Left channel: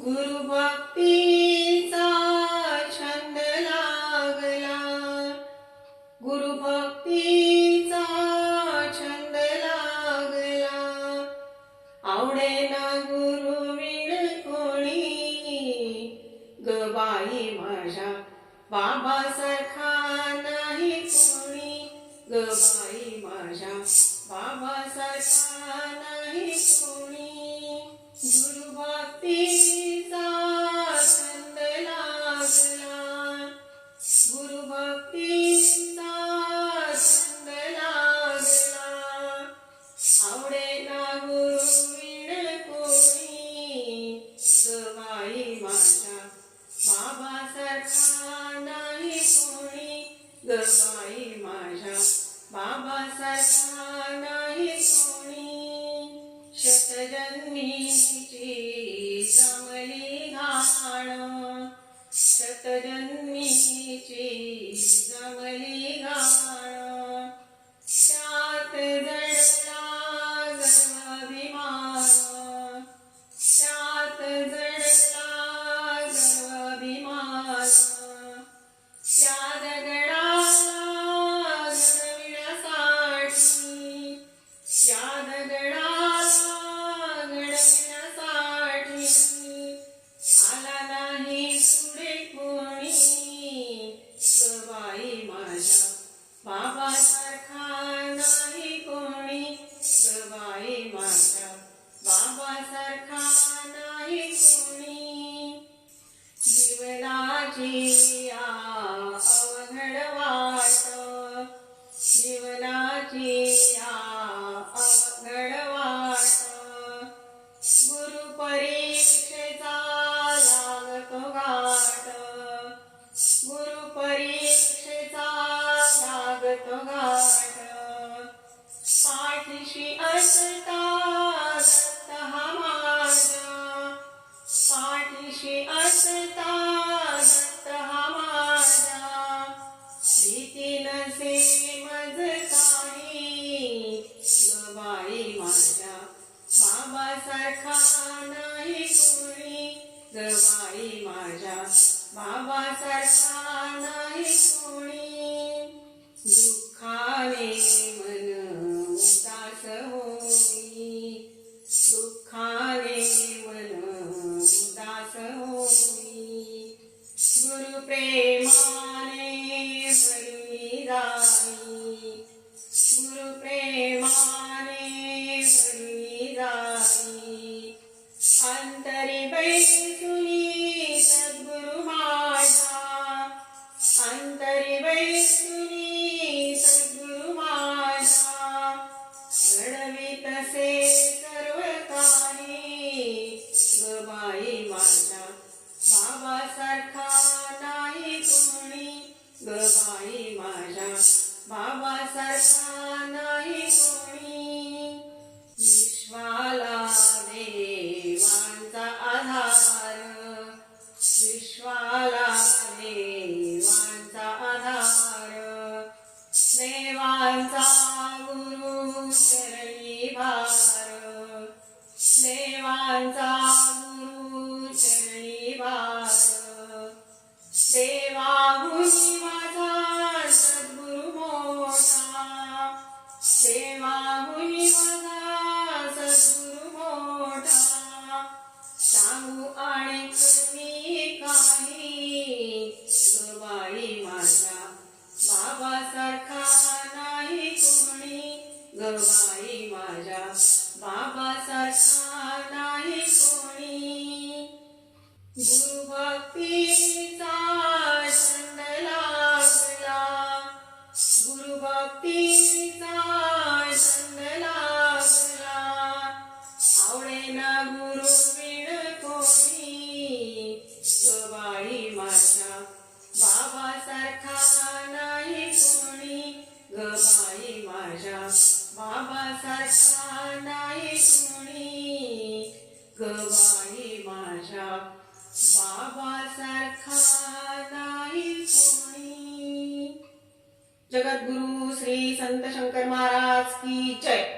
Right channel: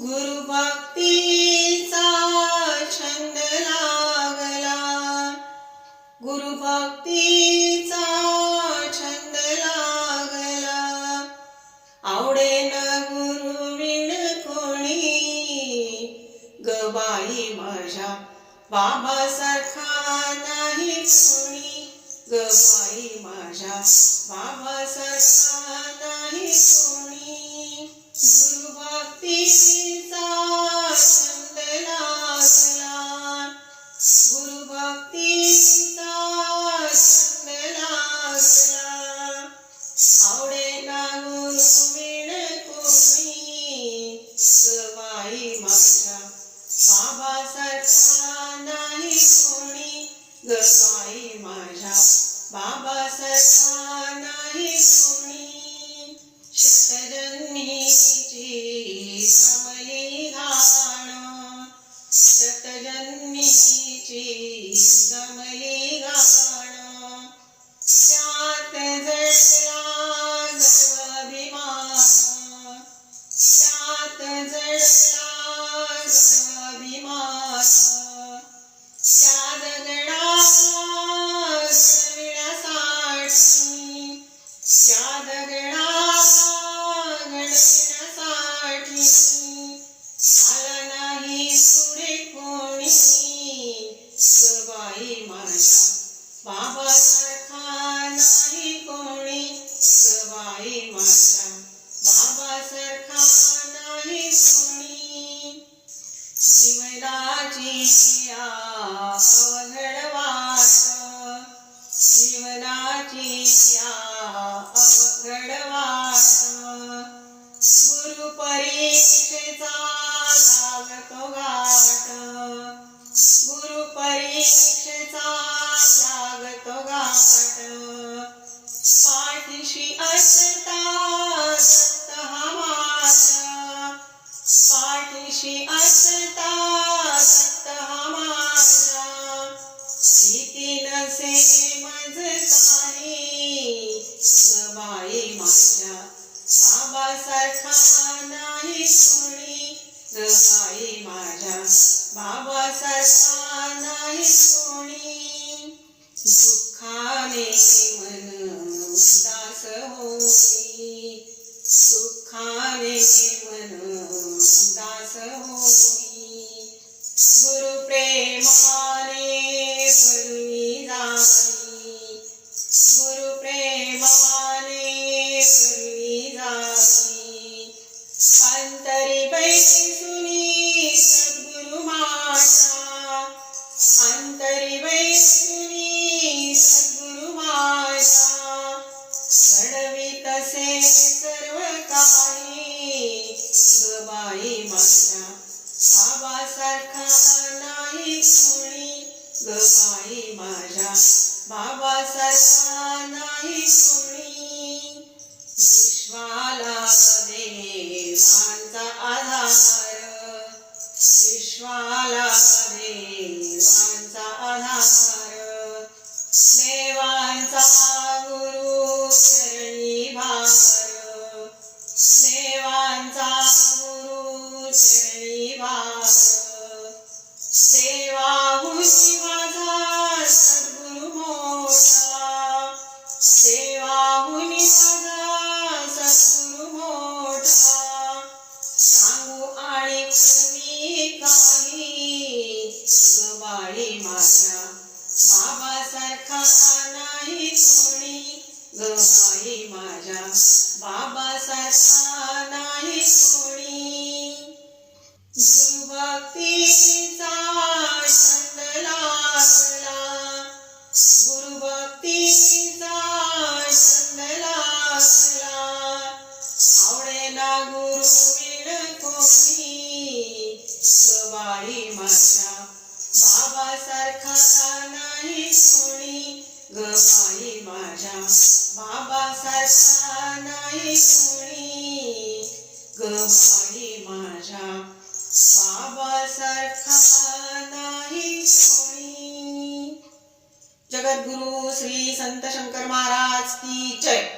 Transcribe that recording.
गुरुभक्तीचा छंद लागला. गुरुभक्तीचा छंद लागला. आवडेल गुरु विण कोणी? गबाई माझ्या बाबासारखा नाही कोणी? गबाई माझ्या बाबासारखा नाही कोणी? कोणी गवाई माझ्या बाबासारखा नाही कोणी. शतजन्मीची जमली घाण शतजन्मीची तो गाठ पाठीशी असता दत्त हा माझा पाठीशी असता दत्त हा माझा भीती नसे मज काही. बाई माझ्या बाबासारखा नाही कोणी. गबाई माझ्या बाबासारखा नाही कोणी. paz. Amém. माझ्या बाबासारखा नाही कोणी. गुरुभक्तीचा छंद लागला गुरुभक्तीचा छंद लागला आवडेना गुरुविण कोणी. माझ्या बाबासारखा नाही कोणी. जगद्गुरु श्री संत शंकर महाराज की जय.